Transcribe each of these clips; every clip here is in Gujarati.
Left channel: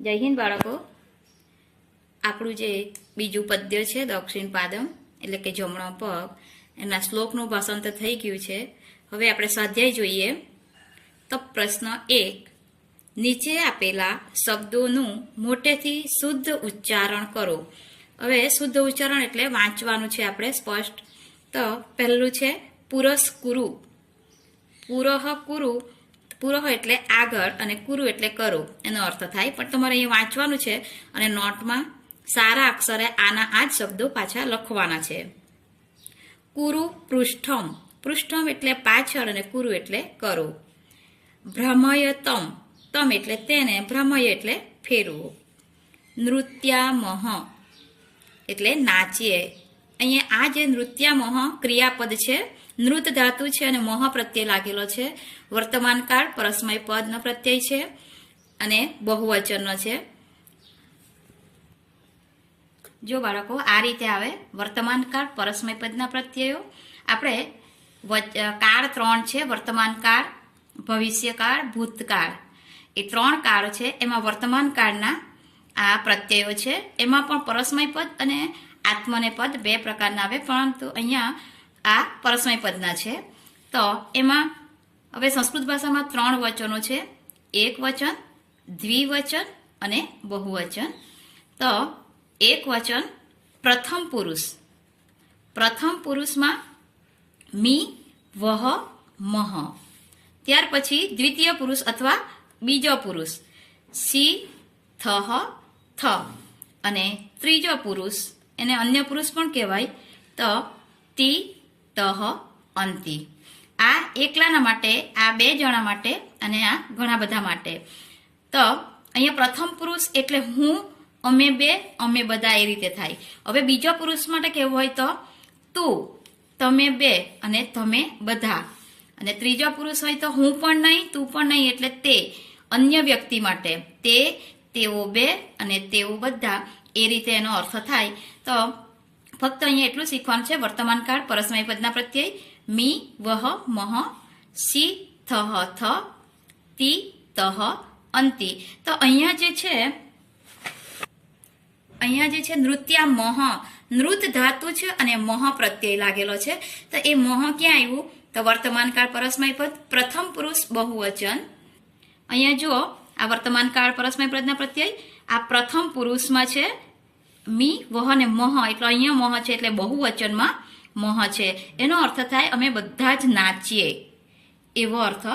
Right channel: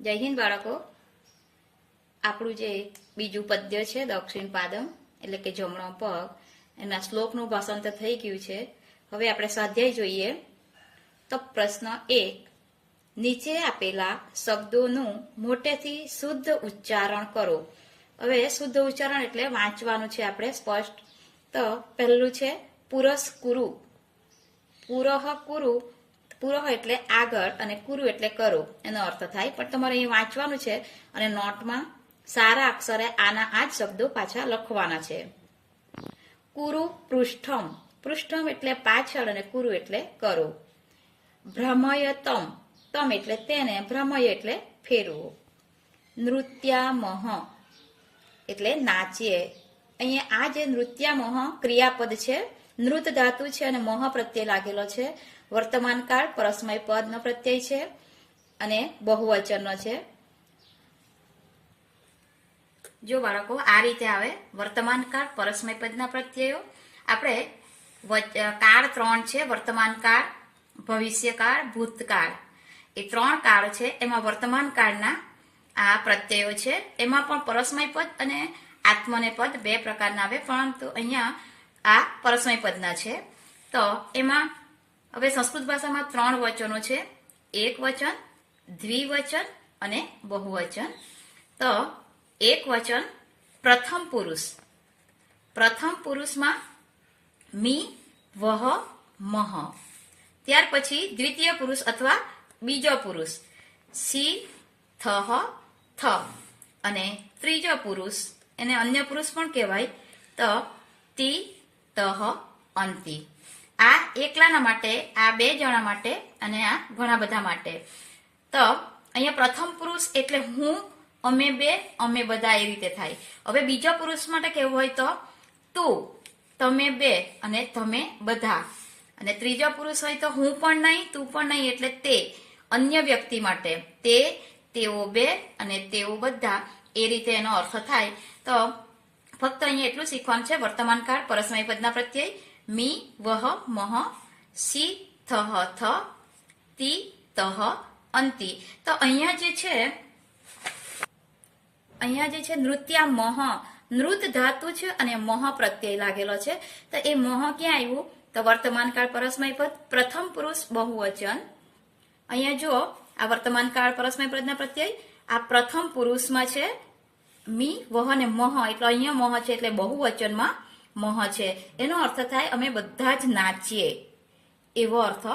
જય હિન્દ બાળકો. આપણું જે બીજું પદ્ય છે દક્ષિણ પાદમ એટલે કે જમણો પગ, એના શ્લોકનું ભાષાંતર થઈ ગયું છે. હવે આપણે સ્વાધ્યાય જોઈએ. તો પ્રશ્ન 1, નીચે આપેલા શબ્દોનું મોટેથી શુદ્ધ ઉચ્ચારણ કરો. હવે શુદ્ધ ઉચ્ચારણ એટલે વાંચવાનું છે આપણે સ્પષ્ટ. તો પહેલું છે પુરસ્કુરુ. પુરઃ કુરુ, પુરઃ એટલે આગળ અને કુરુ એટલે કરો એનો અર્થ થાય, પણ તમારે અહીં વાંચવાનું છે અને નોટમાં સારા અક્ષરે આના આ જ શબ્દો પાછા લખવાના છે. કુરુ પૃષ્ઠમ, પૃષ્ઠમ એટલે પાછળ અને કુરુ એટલે કરો. ભ્રમયતમ, તમ એટલે તેને, ભ્રમય એટલે ફેરવું. નૃત્યામહ એટલે નાચીએ. અહીંયા આ જે નૃત્યામહ ક્રિયાપદ છે, નૃત ધાતુ છે અને મોહ પ્રત્યય લાગેલો છે. વર્તમાન કાળ પરસ્મય પદનો પ્રત્યય છે અને બહુવચનનો છે. જો બાળકો આ રીતે આવે વર્તમાન કાળ પરસ્મય પદના પ્રત્યયો. આપણે કાળ 3 છે, વર્તમાન કાળ, ભવિષ્યકાળ, ભૂતકાળ. એ 3 કાળ છે. એમાં વર્તમાન કાળના આ પ્રત્યયો છે. એમાં પણ પરસ્મય પદ અને આત્મને પદ 2 પ્રકારના આવે, પરંતુ અહીંયા આ પરસ્મય પદના છે. તો એમાં હવે સંસ્કૃત ભાષામાં 3 વચનો છે, એક વચન, દ્વિવચન અને બહુવચન. તો એક વચન પ્રથમ પુરુષ. પ્રથમ પુરુષમાં મી, વહ, મહ. ત્યાર પછી દ્વિતીય પુરુષ અથવા બીજો પુરુષ સી, થહ, થ. અને ત્રીજો પુરુષ, એને અન્ય પુરુષ પણ કહેવાય, તો તી, તહ, અંતિ. આ એકલાના માટે, આ 2 જણા માટે અને આ ઘણા બધા માટે. તો અહીંયા પ્રથમ પુરુષ એટલે હું, અમે 2, અમે બધા, એ રીતે થાય. હવે બીજા પુરુષ માટે કેવું હોય તો તું, તમે 2 અને તમે બધા. અને ત્રીજા પુરુષ હોય તો હું પણ નહીં, તું પણ નહીં, એટલે તે, અન્ય વ્યક્તિ માટે તે, તેઓ 2 અને તેઓ બધા, એ રીતે એનો અર્થ થાય. તો ફક્ત અહીંયા એટલું શીખવાનું છે. વર્તમાન કાળ પરસ્મય પદના પ્રત્યય મી, વહ, મહ, સી, થહ, થ, તી, તહ, અંતિ. તો અહીંયા જે છે નૃત્યામહ, નૃત ધાતુ છે અને મહ પ્રત્યય લાગેલો છે. તો એ મહ ક્યાં આવ્યું? તો વર્તમાન કાળ પરસ્મય પદ, પ્રથમ પુરુષ, બહુવચન. અહીંયા જુઓ, આ વર્તમાન કાળ પરસ્મય પદના પ્રત્યય આ પ્રથમ પુરુષમાં છે મી, વહ અને મહ, એટલે અહીંયા મહ છે એટલે બહુવચનમાં મહ છે. એનો અર્થ થાય અમે બધા જ નાચીએ, એવો અર્થ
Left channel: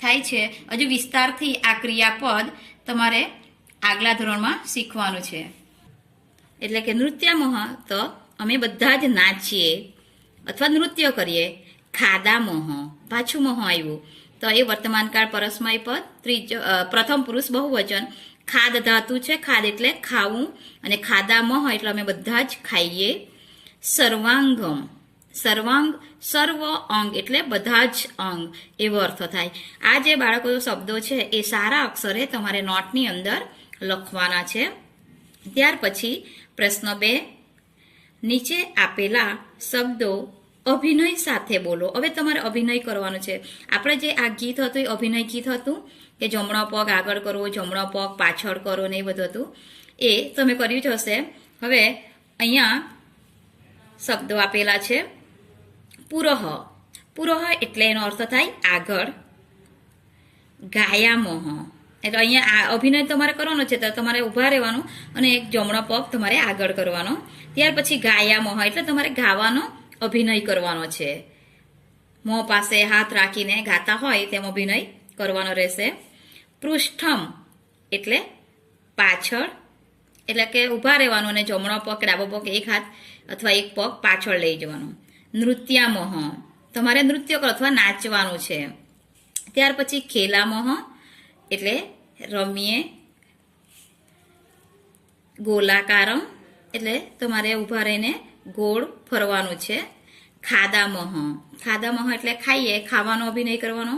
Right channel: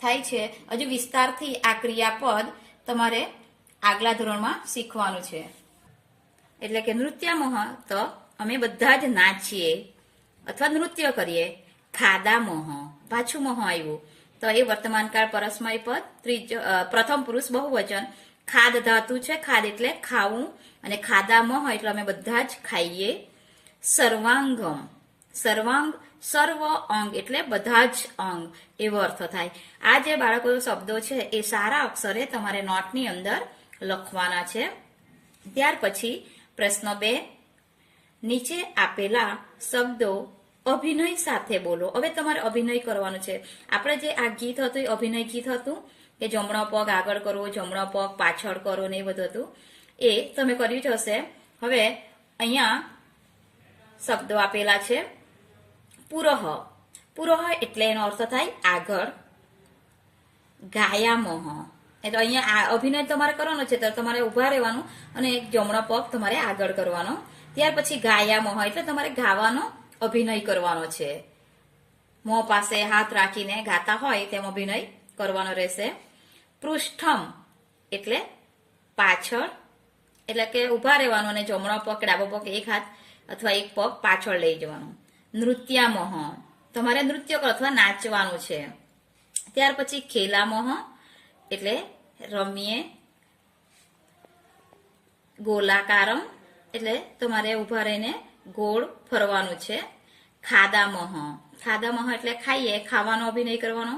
થાય છે. હજુ વિસ્તારથી આ ક્રિયાપદ તમારે આગલા ધોરણમાં શીખવાનું છે. એટલે કે નૃત્યામહ તો અમે બધા જ નાચીએ અથવા નૃત્ય કરીએ. ખાદામહ, પાછું મહ આવ્યું, તો એ વર્તમાન કાળ પરસ્મય પદ, પ્રથમ પુરુષ, બહુવચન. ખાદ ધાતુ છે, ખાદ એટલે ખાવું, અને ખાદામહ એટલે અમે બધા જ ખાઈએ. સર્વાંગમ, સર્વાંગ, સર્વ અંગ એટલે બધા જ અંગ, એવો અર્થ થાય. આ જે બાળકો શબ્દો છે એ સારા અક્ષરે તમારે નોટની અંદર લખવાના છે. ત્યાર પછી પ્રશ્ન 2, નીચે આપેલા શબ્દો અભિનય સાથે બોલો. હવે તમારે અભિનય કરવાનો છે. આપણે જે આ ગીત હતું એ અભિનય ગીત હતું કે જમણો પગ આગળ કરો, જમણો પગ પાછળ કરો ને એ બધું હતું, એ તમે કર્યું જ હશે. હવે અહીંયા શબ્દો આપેલા છે. પુરઃ, પુરઃ એટલે એનો અર્થ થાય આગળ. ગાયામહ એટલે અહીંયા આ અભિનય તમારે કરવાનો છે, તો તમારે ઊભા રહેવાનું અને એક જમણો પગ તમારે આગળ કરવાનો. ત્યાર પછી ગાયામહ એટલે તમારે ગાવાનો અભિનય કરવાનો છે. મોં પાસે હાથ રાખીને ગાતા હોય તેમ અભિનય કરવાનો રહેશે. પૃષ્ઠમ એટલે પાછળ, એટલે કે ઊભા રહેવાનું અને જમણો પગ કે ડાબો પગ એક હાથ અથવા એક પગ પાછળ લઈ જવાનું. નૃત્યામહ તમારે નૃત્ય કરો અથવા નાચવાનું છે. ત્યાર પછી ખેલામહ એટલે રમીએ. ગોલાકારમ એટલે તમારે ઊભા રહીને ગોળ ફરવાનું છે. ખાદામહ, ખાદામહ એટલે ખાઈએ, ખાવાનો અભિનય કરવાનો.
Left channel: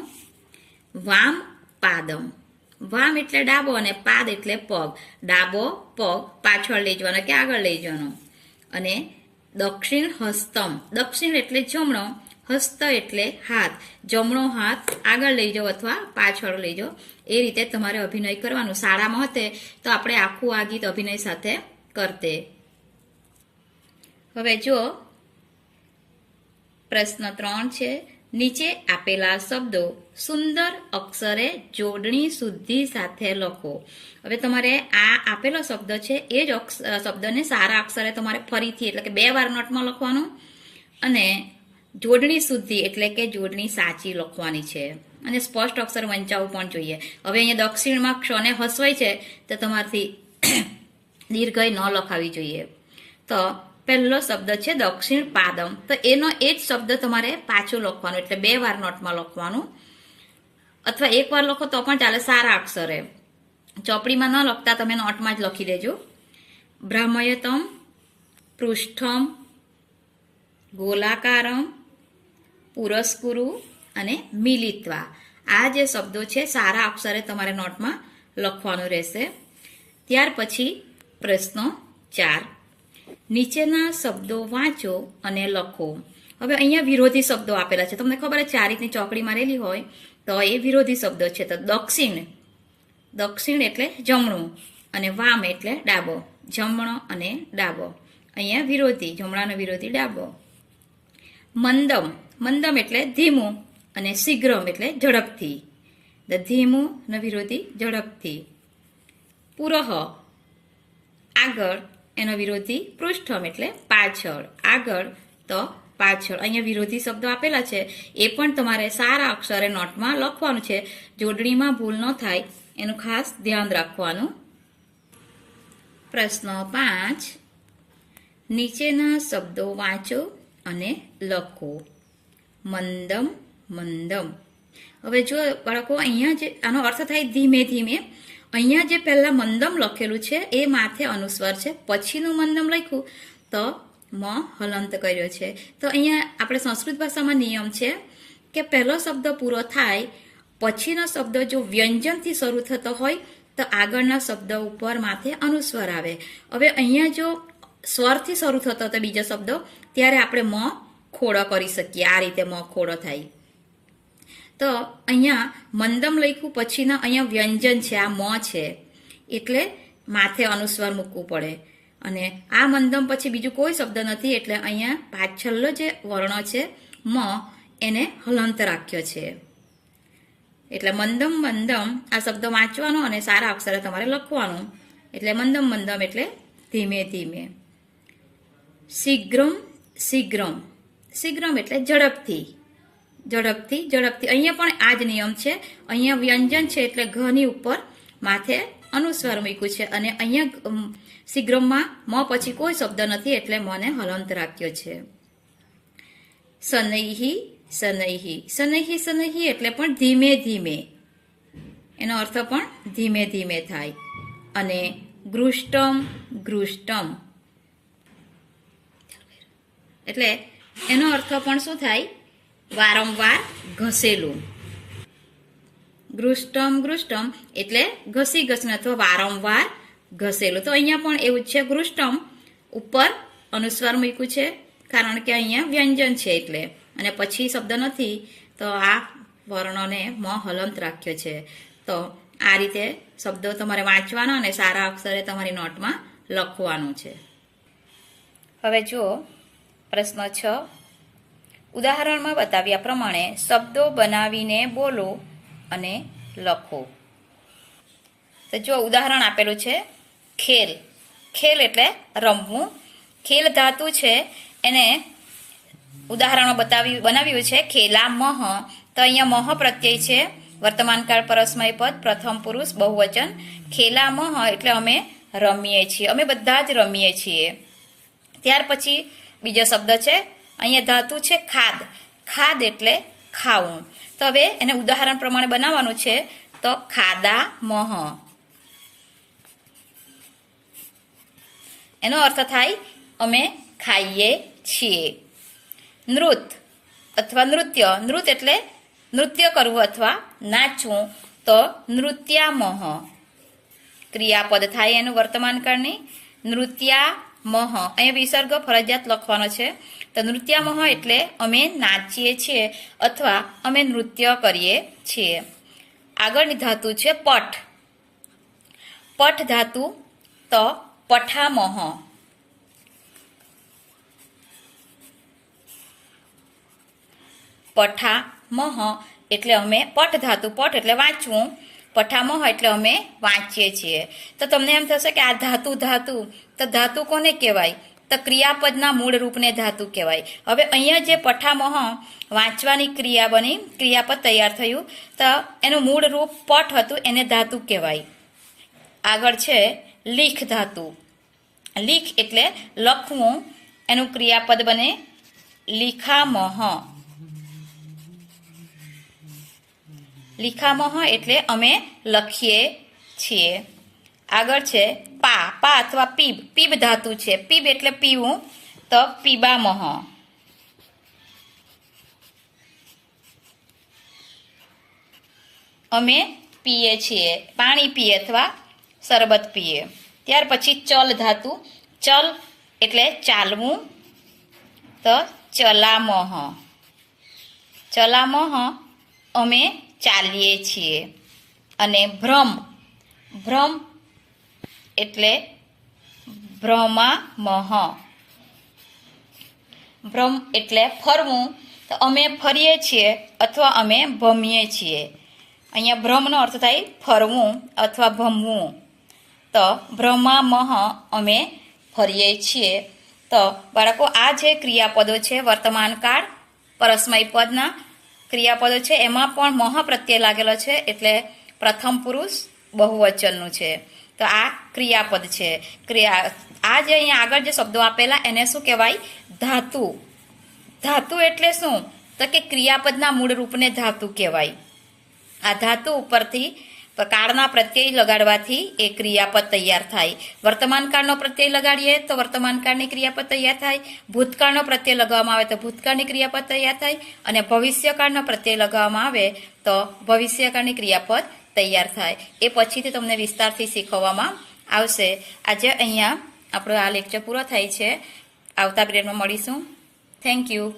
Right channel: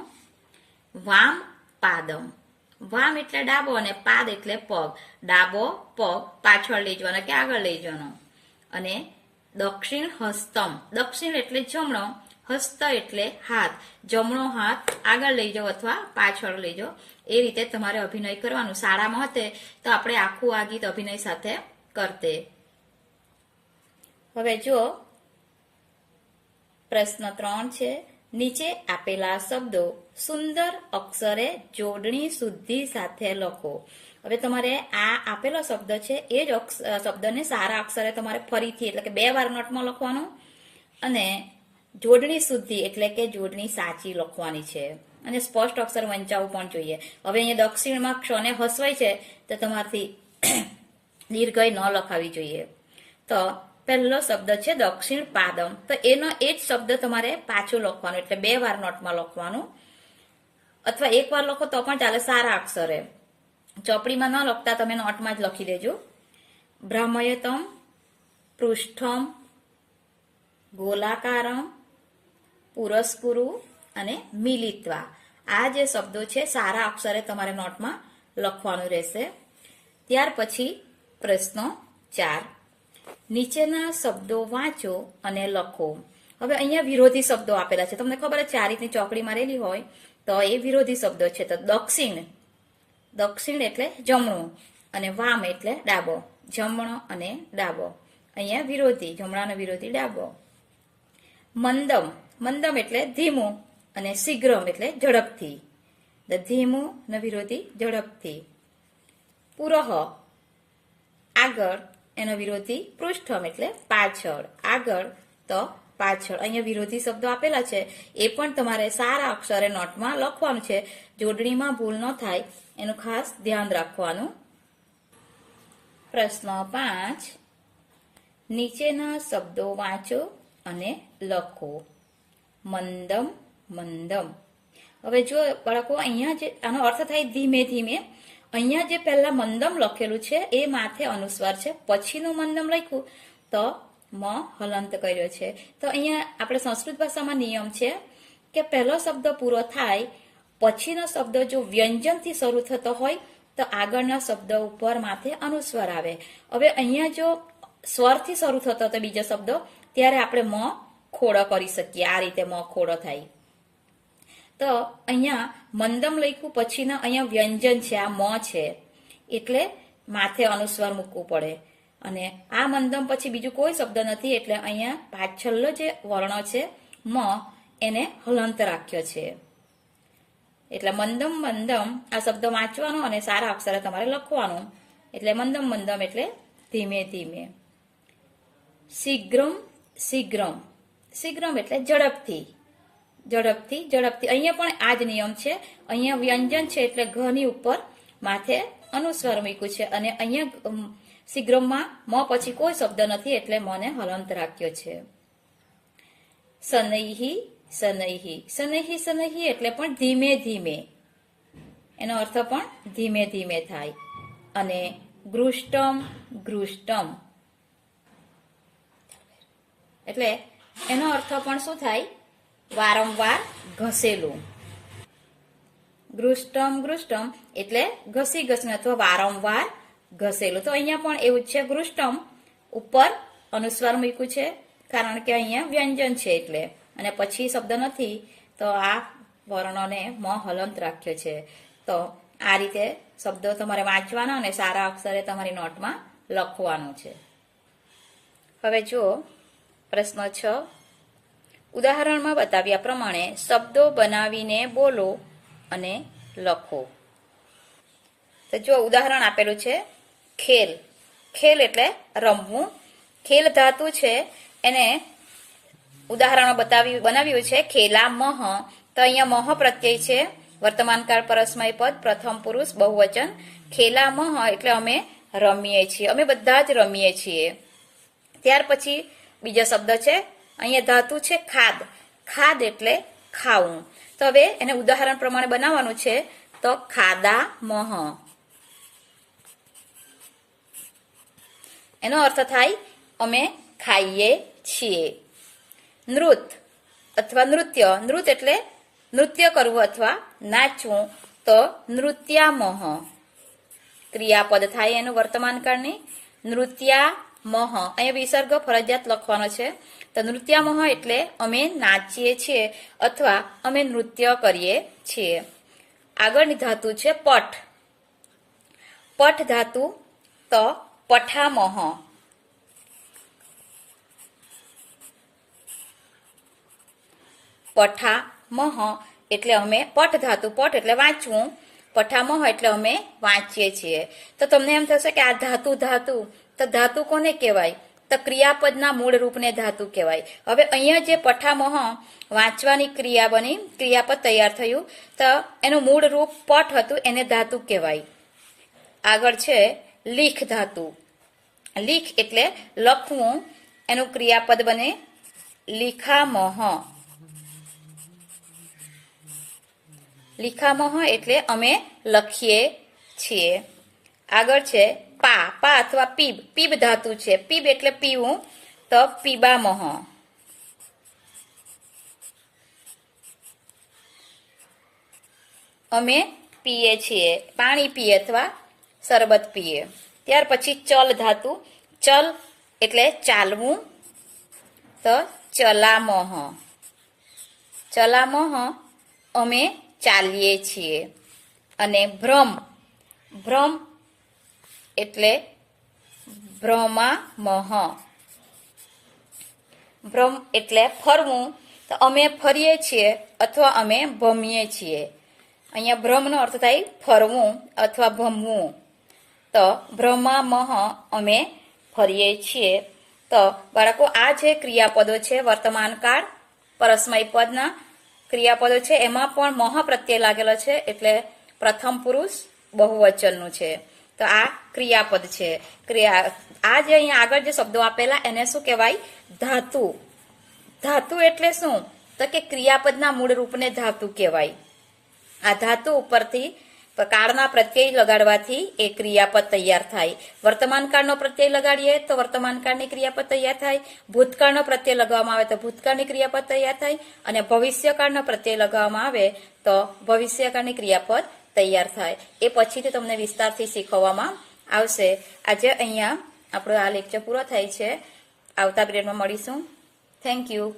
વામ પાદમ, વામ એટલે ડાબો અને પાદ એટલે પગ, ડાબો પગ પાછળ લઈ જવાનો કે આગળ લઈ જવાનો. અને દક્ષિણ હસ્તમ, દક્ષિણ એટલે જમણો, હસ્ત એટલે હાથ, જમણો હાથ આગળ લઈ જાઓ અથવા પાછળ લઈ જાઓ, એ રીતે તમારે અભિનય કરવાનું. શાળામાં હતે તો આપણે આખું આ ગીત અભિનય સાથે કરતે. હવે જો પ્રશ્ન 3 છે, નીચે આપેલા શબ્દો સુંદર અક્ષરે જોડણી શુદ્ધિ સાથે લખો. હવે તમારે આ આપેલો શબ્દ છે એ જ શબ્દને સારા અક્ષરે તમારે ફરીથી એટલે કે 2 વાર નોટમાં લખવાનું અને જોડણી શુદ્ધિ એટલે કે જોડણી સાચી લખવાની છે અને સ્પષ્ટ અક્ષર વંચાવવું પણ જોઈએ. હવે અહીંયા દક્ષિણમાં ક્ષને હસવાય છે તો તમારથી દીર્ઘય ન લખાવી જોઈએ. તો પહેલો શબ્દ છે દક્ષિણ પાદમ, તો એનો એ જ શબ્દ તમારે પાછું લખવાનું એટલે 2 વાર નોટમાં લખવાનું અથવા 1 વાર લખો તો પણ ચાલે સારા અક્ષરે. ચોપડીમાં ન લખતા તમે નોટમાં જ લખી દેજો. ભ્રામયતમ, પૃષ્ઠમ, ગોલાકારમ, પુરસ્કુરુ અને મિલિત્વા, આ જે શબ્દો છે સારા અક્ષરે તમારે નોટમાં લખવાનું રહેશે. ત્યાર પછી પ્રશ્ન 4, નીચેના શબ્દો વાંચો અને લખો. હવે અહીંયા વિરોધી શબ્દો આપેલા છે, તમને ખબર છે આ રીતની ચોકડી મારેલી હોય તો એ વિરોધી શબ્દો છે. તો દક્ષિણ એટલે જમણું અને વામ એટલે ડાબો, જમણો અને ડાબો. અહીંયા વિરોધી, જમણાનો વિરોધી ડાબો. મંદમ એટલે ધીમું અને શીઘ્રમ એટલે ઝડપથી, ધીમું ને વિરોધી ઝડપથી. પુરહ આગળ, એનો વિરોધી પૃષ્ઠમ એટલે પાછળ, આગળ તો પાછળ. અહીંયા વિરોધી શબ્દો આપેલા છે એ પણ તમારે સારા અક્ષરે નોટમાં લખવાનું છે. જોડણીમાં ભૂલ ન થાય એનું ખાસ ધ્યાન રાખવાનું. પ્રશ્ન 5, નીચેના શબ્દો વાંચો અને લખો. મંદમ. હવે જો બાળકો અહીંયા જે આનો અર્થ થાય ધીમે ધીમે, અહીંયા જે પહેલા મંદમ લખેલું છે એ માથે અનુસ્વાર છે, પછીનું મંદમ લખ્યું તો મ હલંત કર્યો છે. તો અહીંયા આપણે સંસ્કૃત ભાષામાં નિયમ છે કે પહેલો શબ્દ પૂરો થાય પછીનો શબ્દ જો વ્યંજનથી શરૂ થતો હોય તો આગળના શબ્દ ઉપર માથે અનુસ્વાર આવે. હવે અહીંયા જો સ્વરથી શરૂ થતો હતો બીજો શબ્દ ત્યારે આપણે મ ખોડો કરી શકીએ, આ રીતે મ ખોડો થાય. તો અહીંયા મંદમ લખ્યું પછીના અહીંયા વ્યંજન છે, આ મ છે એટલે માથે અનુસ્વાર મૂકવું પડે. અને આ મંદમ પછી બીજું કોઈ શબ્દ નથી એટલે અહીંયા પાછળનો જે વર્ણો છે મ એને હલંત રાખ્યો છે. એટલે મંદમ આ શબ્દ વાંચવાનો અને સારા અક્ષરે તમારે લખવાનું. એટલે મંદમ એટલે ધીમે ધીમે. શીઘ્રમ એટલે ઝડપથી. અહીંયા પણ આ જ નિયમ છે. અહીંયા વ્યંજન છે એટલે ઘની ઉપર માથે અનુસ્વાર મૂક્યું છે અને અહીંયા શીઘ્રમમાં મ પછી કોઈ શબ્દ નથી એટલે મને હલંત રાખ્યો છે. શનૈહી એટલે પણ ધીમે ધીમે, એનો અર્થ પણ ધીમે ધીમે થાય. અને ગૃષ્ટમ એટલે એનો અર્થ પણ શું થાય, વારંવાર ઘસેલું. ગૃષ્ટમ એટલે ઘસી અથવા વારંવાર ઘસેલું. તો અહીંયા પણ એવું જ છે, ગૃષ્ટમ ઉપર અનુસ્વાર મૂક્યું છે કારણ કે અહીંયા વ્યંજન છે એટલે, અને પછી શબ્દ નથી તો આ વર્ણોને મ હલંત રાખ્યો છે. તો આ રીતે શબ્દો તમારે વાંચવાનો અને સારા અક્ષરે તમારી નોટમાં લખવાનું છે. હવે જો પ્રશ્ન 6, ઉદાહરણમાં બતાવ્યા પ્રમાણે શબ્દો બનાવીને બોલો અને લખો. તો જો ઉદાહરણ આપેલું છે, ખેલ એટલે રમવું. ખેલ ધાતુ છે એને ઉદાહરણમાં બનાવ્યું છે ખેલા મહ. તો અહીંયા મહ પ્રત્યય છે, વર્તમાનકાળ પરસ્મય પદ, પ્રથમ પુરુષ બહુવચન. ખેલા મહ એટલે અમે રમીએ છીએ, અમે બધા જ રમીએ છીએ. ત્યાર પછી બીજો શબ્દ છે, અહીંયા ધાતુ છે ખાદ એટલે ખાવું. તો હવે એને ઉદાહરણ પ્રમાણે બનાવવાનું છે. તો ખાદા મહ, એનો અર્થ થાય અમે ખાઈએ છીએ. નૃત્ય એટલે નૃત્ય કરવું અથવા નાચવું. તો નૃત્યામહ, ક્રિયાપદ થાય એનું વર્તમાન કાળની. મહ, અહીં વિસર્ગ ફરજિયાત લખવાનો છે. તો નૃત્યામહ એટલે અમે નાચીએ છીએ અથવા અમે નૃત્ય કરીએ છીએ. આગળની ધાતુ છે પઠ. પઠ ધાતુ તો પઠામહ. પઠામહ એટલે અમે, પઠ ધાતુ, પઠ એટલે વાંચવું, પઠામહ એટલે અમે વાંચીએ છીએ. તો તમને એમ થશે કે આ ધાતુ ધાતુ, તો ધાતુ કોને કહેવાય? તો ક્રિયાપદના મૂળ રૂપને ધાતુ કહેવાય. હવે અહીંયા જે પઠામહ વાંચવાની ક્રિયા બની, ક્રિયાપદ તૈયાર થયું, તો એનું મૂળ રૂપ પઠ હતું, એને ધાતુ કહેવાય. આગળ છે લીખ ધાતુ. લીખ એટલે લખવું, એનું ક્રિયાપદ બને લીખામહ. લીખામહ એટલે અમે લખીએ છીએ. આગળ છે પા. પા અથવા પીબ. પીબ ધાતુ છે. પીબ એટલે પીવું, તો પીબામહ. અમે પીએ છીએ, પાણી પીએ અથવા શરબત પીએ. ત્યાર પછી ચલ ધાતુ. ચલ એટલે ચાલવું, તો ચલામહ. ચલામહ અમે ચાલીએ છીએ. અને ભ્રમ. ભ્રમ એટલે ભ્રમામહ. ભ્રમ એટલે ફરવું, તો અમે ફરીએ છીએ અથવા અમે ભમીએ છીએ. અહીંયા ભ્રમનો અર્થ થાય ફરવું અથવા ભમવું. તો ભ્રમામહ અમે ફરીએ છીએ. તો બાળકો, આ જે ક્રિયાપદો છે વર્તમાનકાળ પરસ્મય પદના ક્રિયાપદો છે, એમાં પણ મહ પ્રત્યય લાગેલો છે, એટલે પ્રથમ પુરુષ બહુવચનનું છે. તો આ ક્રિયાપદ છે. આ જે અહીંયા આગળ જે શબ્દો આપેલા એને શું કહેવાય? ધાતુ. ધાતુ એટલે શું? તો કે ક્રિયાપદના મૂળ રૂપને ધાતુ કહેવાય. આ ધાતુ ઉપરથી કાળના પ્રત્યય લગાડવાથી એ ક્રિયાપદ તૈયાર થાય. વર્તમાન કાળનો પ્રત્યય લગાડીએ તો વર્તમાન કાળની ક્રિયાપદ તૈયાર થાય. ભૂતકાળનો પ્રત્યય લગાવવામાં આવે તો ભૂતકાળની ક્રિયાપદ તૈયાર થાય. અને ભવિષ્યકાળનો પ્રત્યય લગાવવામાં આવે તો ભવિષ્યકાળની ક્રિયાપદ તૈયાર થાય. એ પછીથી તમને વિસ્તારથી શીખવવામાં આવશે. આજે અહીંયા આપણો આ લેક્ચર પૂરો થાય છે. આવતા પિરિયડમાં મળીશું. Thank you.